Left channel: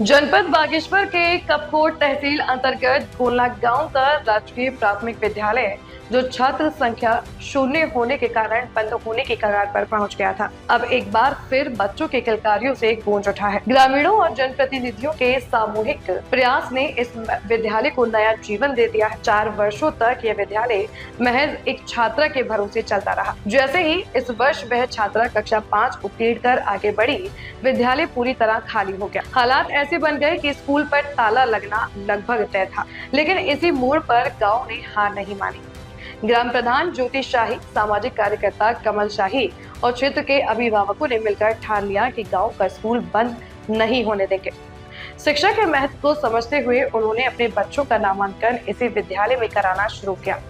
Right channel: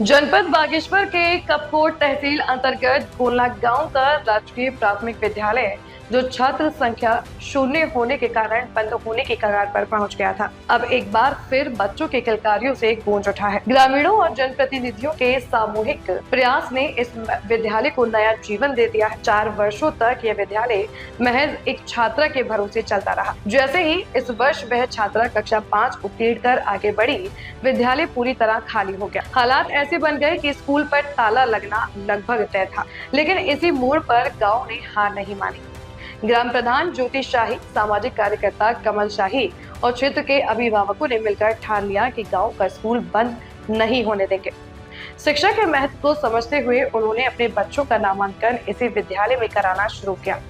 जनपद बागेश्वर के कपकोट तहसील अंतर्गत गोलना गांव का राजकीय प्राथमिक विद्यालय जो छात्र संख्या शून्य होने के कारण बंद होने की कगार पर पहुंच गया था, अब एक बार फिर बच्चों के किलकारियों से गूंज उठा है। ग्रामीणों और जनप्रतिनिधियों के सामूहिक प्रयास ने इस विद्यालय को नया जीवन दे दिया है। 4 वर्षों तक यह विद्यालय महज एक छात्रा के भरोसे चलता रहा। जैसे ही इस वर्ष वह छात्रा कक्षा 5 उत्तीर्ण कर आगे बढ़ी, विद्यालय पूरी तरह खाली हो गया। हालात ऐसे बन गए कि स्कूल पर ताला लगना लगभग तय था, लेकिन इसी मोड़ पर गांव ने हार नहीं मानी। ग्राम प्रधान ज्योति शाही, सामाजिक कार्यकर्ता कमल शाही और क्षेत्र के अभिभावकों ने मिलकर ठान लिया कि गांव का स्कूल बंद नहीं होने देंगे। शिक्षा के महत्व को समझते हुए उन्होंने अपने बच्चों का नामांकन इसी विद्यालय में कराना शुरू किया।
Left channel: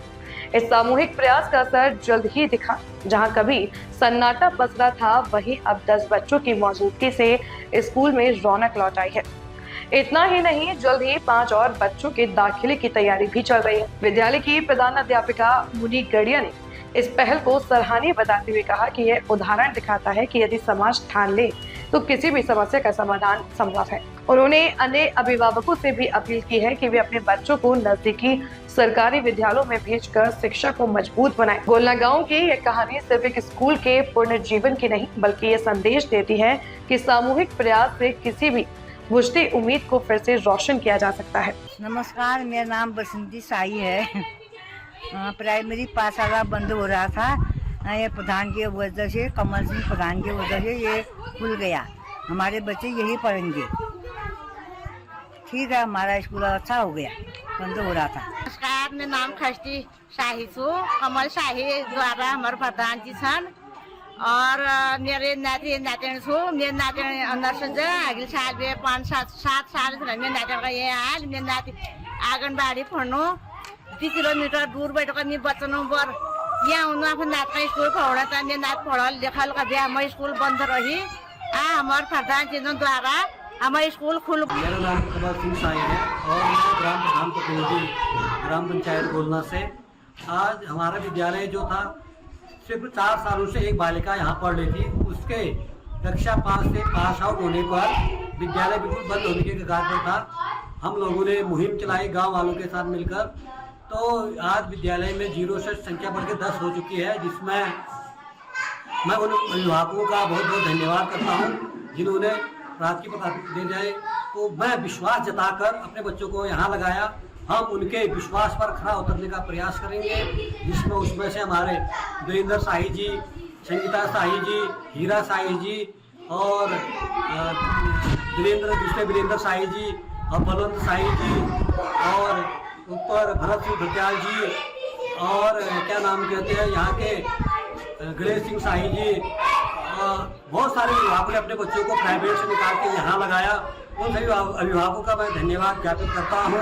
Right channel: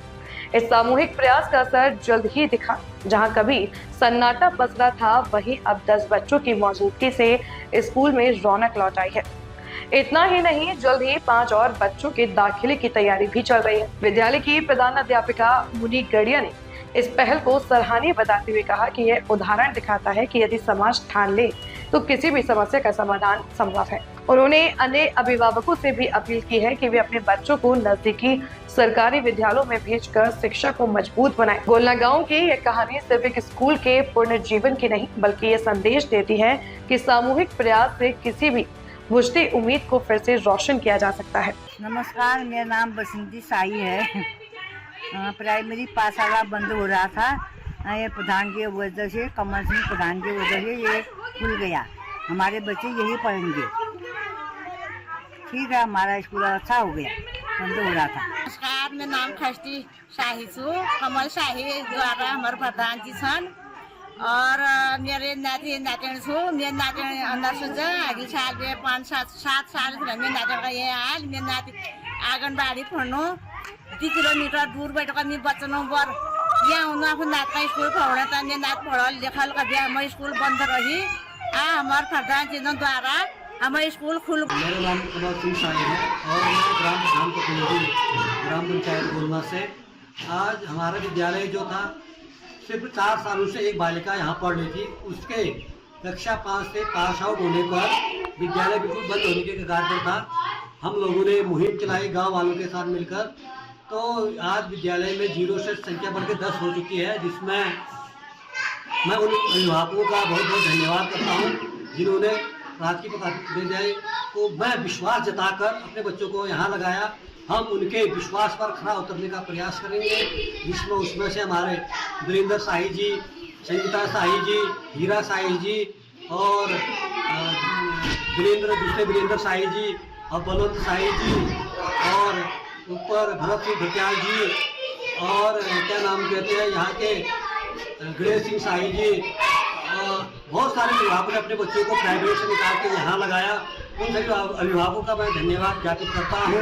इस सामूहिक प्रयास का असर जल्द ही दिखा। जहां कभी सन्नाटा पसरा था, वहीं अब 10 बच्चों की मौजूदगी से स्कूल में रौनक लौट आई है। इतना ही नहीं, जल्द ही 5 और बच्चों के दाखिले की तैयारी भी चल रही है। विद्यालय की प्रधान अध्यापिका मुनी गड़िया ने इस पहल को सराहनीय बताते हुए कहा कि यह उदाहरण दिखाता है कि यदि समाज ठान ले तो किसी भी समस्या का समाधान संभव है। उन्होंने अन्य अभिभावकों से भी अपील की है कि वे अपने बच्चों को नजदीकी सरकारी विद्यालयों में भेजकर शिक्षा को मजबूत बनाएं। गोलना गांव की यह कहानी सिर्फ एक स्कूल के पुनर्जीवन की नहीं, बल्कि ये संदेश देती है कि सामूहिक प्रयास से किसी भी बुझती उम्मीद को फिर से रोशन किया जा सकता है। नमस्कार, मेरा नाम बसंती साई है। प्राइमरी पाठशाला बंद हो रहा था, ये प्रधान की वजह से, कमल सिंह प्रधान की वजह से ये खुल गया। हमारे बच्चे यही पढ़ेंगे। ठीक है, हमारा स्कूल अच्छा हो गया, बंद हो रहा था। नमस्कार, मेरा नाम खष्टी शाही छू, कमल शाही द्वारा हमारे प्रधान जी छन् और मेरे नाती नातिन छु। मेरे नातिन नर्सिङ चाहिँ अघिल्लो साल 5-7 साल मेरो नातिका यहाँ आयल। मेरो नाति आँगनबाडी पढ्नु 2 किलोमीटर दूर बैठ कर बच्चों पर यहाँ उन आफ्नो नात स्कूल पढ़ा था। मेरे नात पढ़ल लिखल कभी हमारे स्कूल बंद रही। हमारे प्रधान जी द्वारा हमारे स्कूल खुल। मेरा नाम कमल सिंह शाही है और मैं ग्राम प्रधान प्रतिनिधि ग्राम पंचायत गोलना से। आज हमारा विद्यालय जो था, सिर्फ 4 सालों से एक बालिका यहाँ पढ़ रही थी। उसके कक्षा 5 से पास आउट होने पर विद्यालय बिल्कुल बंद होने के कगार पर था। हम लोगों ने मुहिम चलाई गांव वालों के साथ मिलकर, तो आज विद्यालय में 0 से संख्या बढ़ के 10 हो चुकी है, जिसमें मैं उन अभिभावकों का बहुत बहुत धन्यवाद करता हूँ जिन्होंने रात की विद्यालय को मैं विश्वास जताकर अपने बच्चों को यहाँ लगाया। हम उनके विश्वास पर खरा उतरने का प्रयास करेंगे, जिसमें उसमें से हमारे वीरेंद्र शाही जी, संगीता शाही जी, हीरा शाही जी और दूसरे वीरेंद्र शाही जी और बलवंत शाही जी और ऊपर भरत सिंह भटियाल जी और क्या नाम कहते हैं यहाँ के गणेश सिंह शाही जी। बहुत सारे अभिभावकों ने अपने बच्चों को प्राइवेट से निकाल के यहाँ लगाया। उन सभी अभिभावकों का मैं धन्यवाद ज्ञापित करता हूँ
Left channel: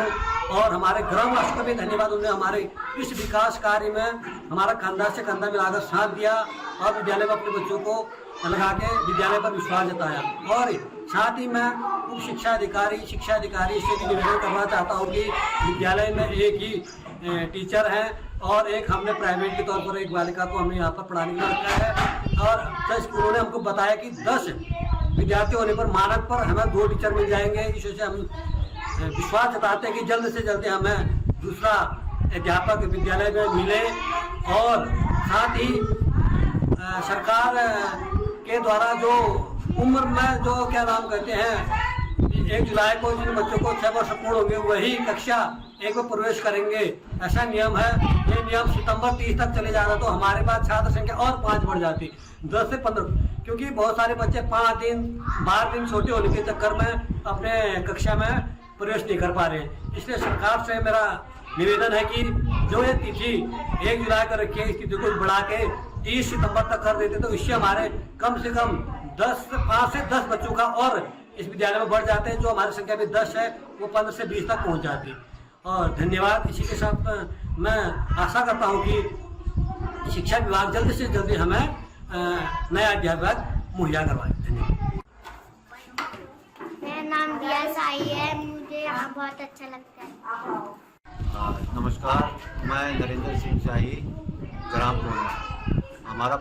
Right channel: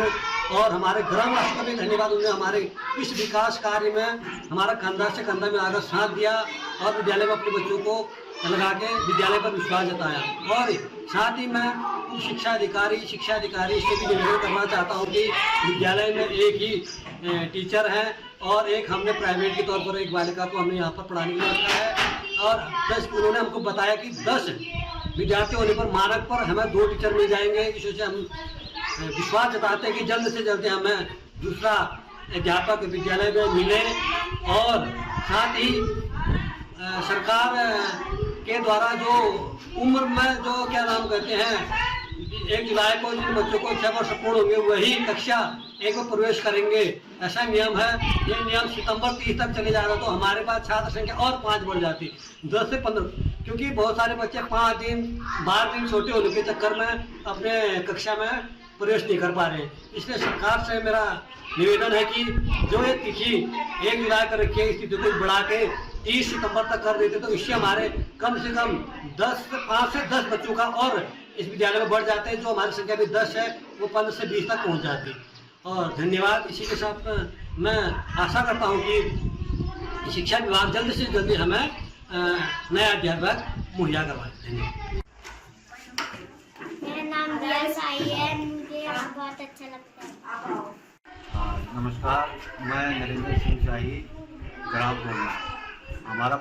और हमारे ग्राम राष्ट्र का भी धन्यवाद। उन्होंने हमारे इस विकास कार्य में हमारा कंधा से कंधा मिलाकर साथ दिया और विद्यालय में अपने बच्चों को लगा के विद्यालय पर विश्वास जताया। और साथ ही मैं उप शिक्षा अधिकारी से भी निवेदन करना चाहता हूँ कि विद्यालय में एक ही टीचर हैं और एक हमने प्राइवेट के तौर पर एक बालिका को हमने यहाँ पर पढ़ाने के लिए रखा है। और जैसे उन्होंने हमको बताया कि 10 विद्यार्थी होने पर मानक पर हमें 2 टीचर मिल जाएंगे। इस वजह से हम विश्वास जताते हैं कि जल्द से जल्द हमें दूसरा अध्यापक विद्यालय में मिले। और साथ ही सरकार के द्वारा जो उम्र में जो क्या नाम कहते हैं 1 जुलाई को जिन बच्चों को 6 वर्ष पूर्ण होंगे वही कक्षा 1 में प्रवेश करेंगे, ऐसा नियम है। ये नियम सितंबर 30 तक चले जा रहा, तो हमारे पास छात्र संख्या और 5 बढ़ जाती, 10 से 15, क्योंकि बहुत सारे बच्चे 5 दिन 12 दिन छोटे होने के चक्कर में अपने कक्षा में प्रवेश नहीं कर पा रहे हैं। इसलिए सरकार से मेरा निवेदन है कि जो ये तिथि 1 जुलाई कर रखी है, इस तिथि को बढ़ा के 30 सितंबर तक कर देते तो इससे हमारे कम से कम 5 से 10 बच्चों का और इस विद्यालय में बढ़ जाते हैं। जो हमारी संख्या भी 10 है वो 15 से 20 तक पहुंच जाती। और धन्यवाद। इसी के साथ मैं आशा करता हूं कि शिक्षा विभाग जल्द से जल्द हमें नया अध्यापक मुहैया करवाए। धन्यवाद। मेरा नाम दिया साई है, मुझे यहाँ बहुत अच्छा लगता है। नमस्कार, मैं नरेंद्र सिंह शाही, ग्राम गोलना। हमारा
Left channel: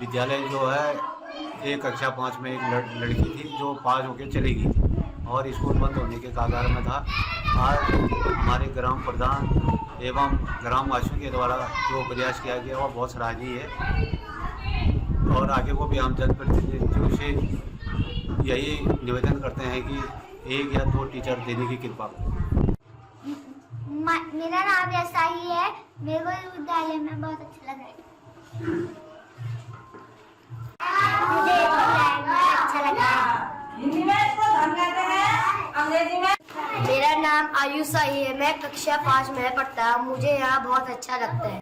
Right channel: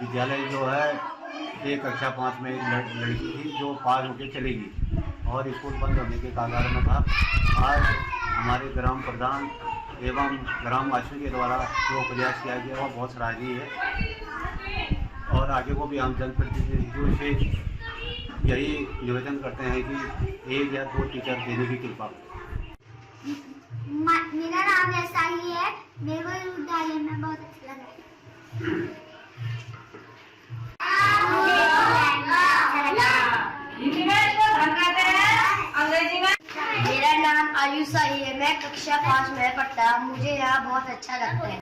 विद्यालय जो है एक कक्षा 5 में एक लड़की थी जो पास होकर चली गई और स्कूल बंद होने के कगार में था। आज हमारे ग्राम प्रधान एवं ग्रामवासियों के द्वारा जो प्रयास किया गया वह बहुत सराहनीय है और आगे को भी हम जनप्रतिनिधियों से यही निवेदन करते हैं कि 1 या 2 टीचर देने की कृपा करें। मेरा नाम ऐसा ही है। मेरे को इस विद्यालय में बहुत अच्छा लगा। मुझे अच्छा लगा। हिंदी में इसको धन कहते हैं, अंग्रेजी में। मेरा नाम आयुष साही है। मैं कक्षा 5 में पढ़ता। मुझे यहाँ बहुत अच्छा लगता है।